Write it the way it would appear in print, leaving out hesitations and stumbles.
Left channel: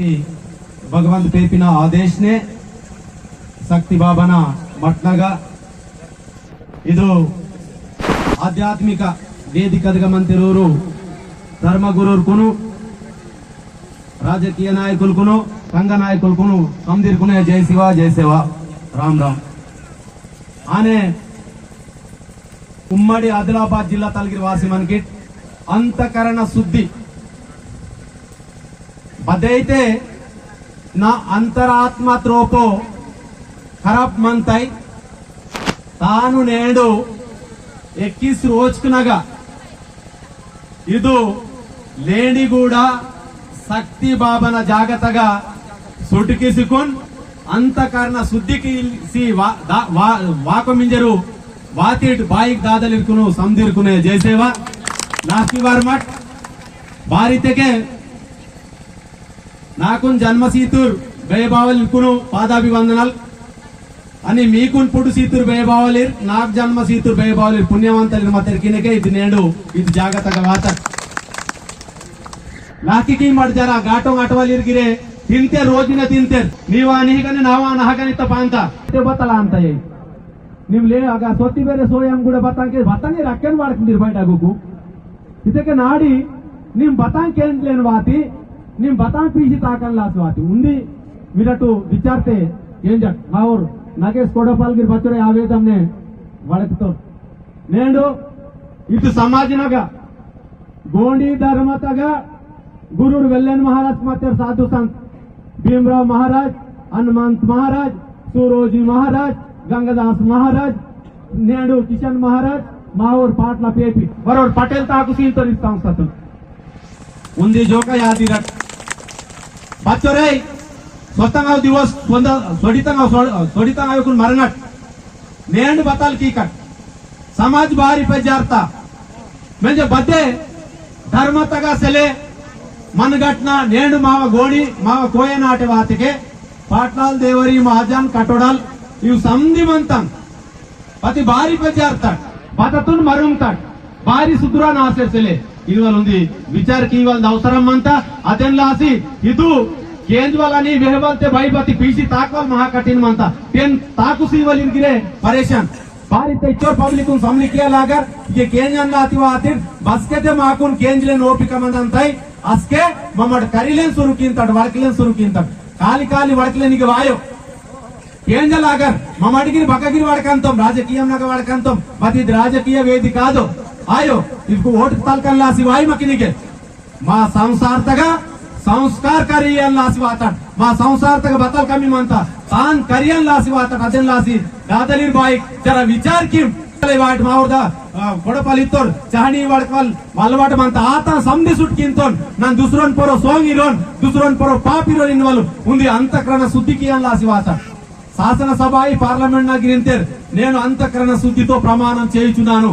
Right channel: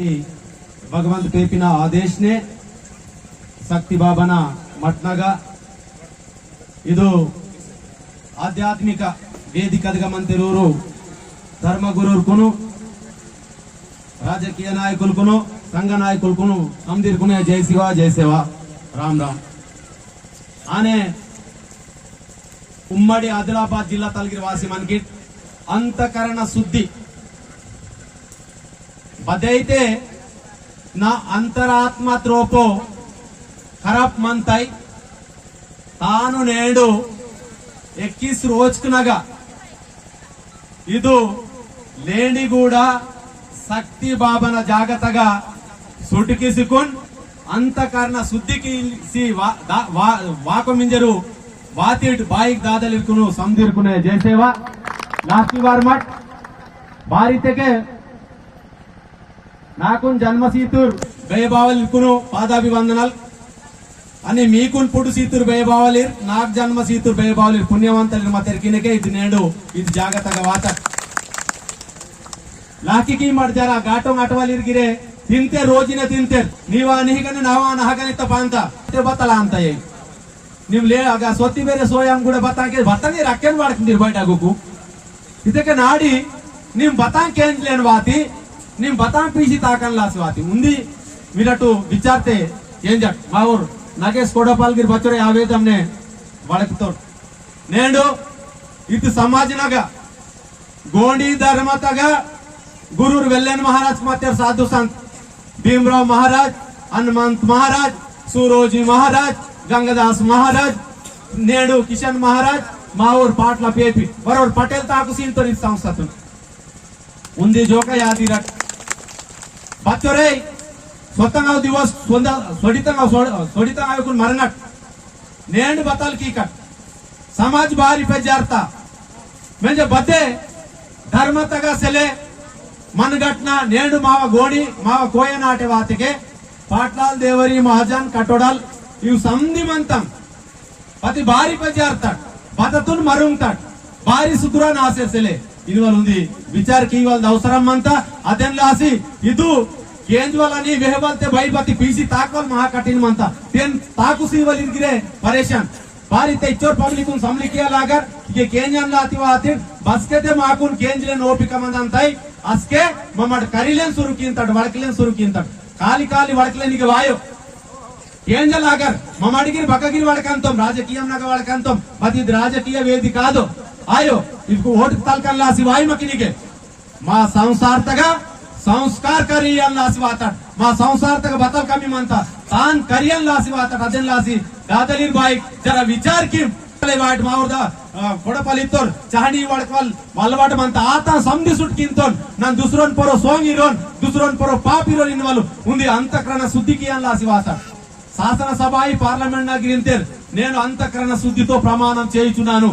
की भगवंत पेपिना आदेश ने शक्ति बाबना मट्नगा ಇದು ಆಧ್ಯಾತ್ಮಿಕ ವೇದಿಕದಗಮಂತಿರೋರು ಧರ್ಮಗುರುರ್कुनु రాజకీయ నాయకులకును సంఘ నాయకులకును సందీర్కునే జై శివ జై సేవ రామ్ రామ్ ఆనే ఉమ్మడి ఆదిలాబాద్ జిల్లా తలగిరి వాసి మనకి అంతఃకరణ శుద్ధి బదైతే నా అంతరాత్మ త్రోపో ఖరాబ్ మంతై తాను నేడు 21 రోజుకునగా ಇದು లేనిగూడ శక్తి బాబన జాగతగా సుటికిసుకున్ అంతఃకరణ శుద్ధికి వాకమింజరు వాతిట్ బాయిక్ దాదలికును సందీర్కునే జయసేవ లాస్ట్ బార్ మట్ బారితెకే నాకున్ జన్మసీతుర్ బేబావలికును పాదాభివందనల్ అని మీకున్ పుడు సీతుర్ బేబావలిర్ నాకు జన్మ సీతుర్ బేబావలిర్ పుణ్యవంతలిర్ మతరికినకే ఇది నేడు ఇది జాగతగా వాత लाकी मट जरा गाटो गाटवालिर गिरे तिनते रोजिने तिनते नीवा निहिगने नावा नहगने तपांता ते बतला ಅಂತ ಏ ನೀವು ಲೇ ಆಗ ಸೊತ್ತಿ ಬೇರೆ ಸೋಯಂ ಕೂಡ ಬತಾಕೆ ಬತಾನೆ ರಕ್ಕನ್ ಮಾಡ್ಕೊಂಡಿರ್ ಬೈಟ್ ಆಗೋಕು ಇದಕ್ಕೆ ನಾಡಿ ನಿಮ್ ಬತಾನ್ ಕೇಂದ್ಲೇನ್ ವಾತಿ ನಿಮ್ ಬತಾನ್ ಪೀಸಿ ತಾಕನ್ ಲಾಸ್ ವಾತಿ ಮುಂದಿ ವಿರಟು ವಿಚಾರತೆ ಏಂಜಟ್ ಮಾವರ್ ನಾಗೇಶ್ ಕೋಡಪಾಲ್ ಗಿರ್ ಬಚ್ಚರೆ ಆವೇದಮ್ನೆ ಬಳಕತೋರ್ ನೇಂಡು ಇದು ಸಮಾಜನಗ ಗೋಂಡಿ ಧರ್ಮತಗ गुरुर वेल्लेन महाराज मातेर साधु संत भीमराव महाराज हनुमंत महाराज सूरोजी महाराज गंगादास महाराज नेडू किशन महाराज मावर पाटला पेपी बरोबर पटेल ताकु सींतोरी संस्थातु उंदी जोक यादिरट बच्चोरे स्वतंगा दिवस सोडितंगा युकुन मरनट नेंड बतल की कट समाज बारी पे जारता म्हणजे बदे धर्म तगा सेले मनगटना नेंडु माव गोडी माव कोयनाटे वातिके पाटलाल देवरी महाजन कटोडल इव संधिमंतम पति बारी पजारत बततुन मरुंगत बारी सुद्रा नासेसले इवलुंदी विचार की इवल अवसरम अंत अदेनलासी इदु केंजवलनी वेहवलते बैपति पीसी ताकवल महा कठिन मंत तेन ताकुसी वलिरगिरे परेशान बारी तेचोर पब्लिक उन समलिकिया लागर ये केंजन लातिवा आतिर बसकेते माकुन केंजले ओपिक मंदंतई अस्के ममड करिलेन सुरुकिंतड वडकिलेन सुरुकिंतड काली काली वडकिलेनिगे वायो केंजल आगर ममडिगिरि बकगिरि वडकंतम राजकीय नग वडकंतम मति राजकीय वेदि कादो आयो इनको ओट तलकन लासी वायु मकिनिगे मा संसारतगा संस्कार करियन लासी वातड मा संसारतगा बतल कमी मंता तान करियन लासी वातड अदेन लासी दादलिर बाइक जरा विचार किम वाट मावरदा कोडपलितोर चाहनी वडकवल मलवट मंत आता समधी सुटकिंतोन नान दुसरोन पोरो सोंग इरोन दुसरोन पोरो पाप इरोन इनवल उंदी अंतःकरण शुद्धिकी लासी वात శాసన సభ పార్లమెంట్ నా గిరింతేర్ నేను అంతఃకరణ శుద్ధితో ప్రమాణం చేయుచున్నాను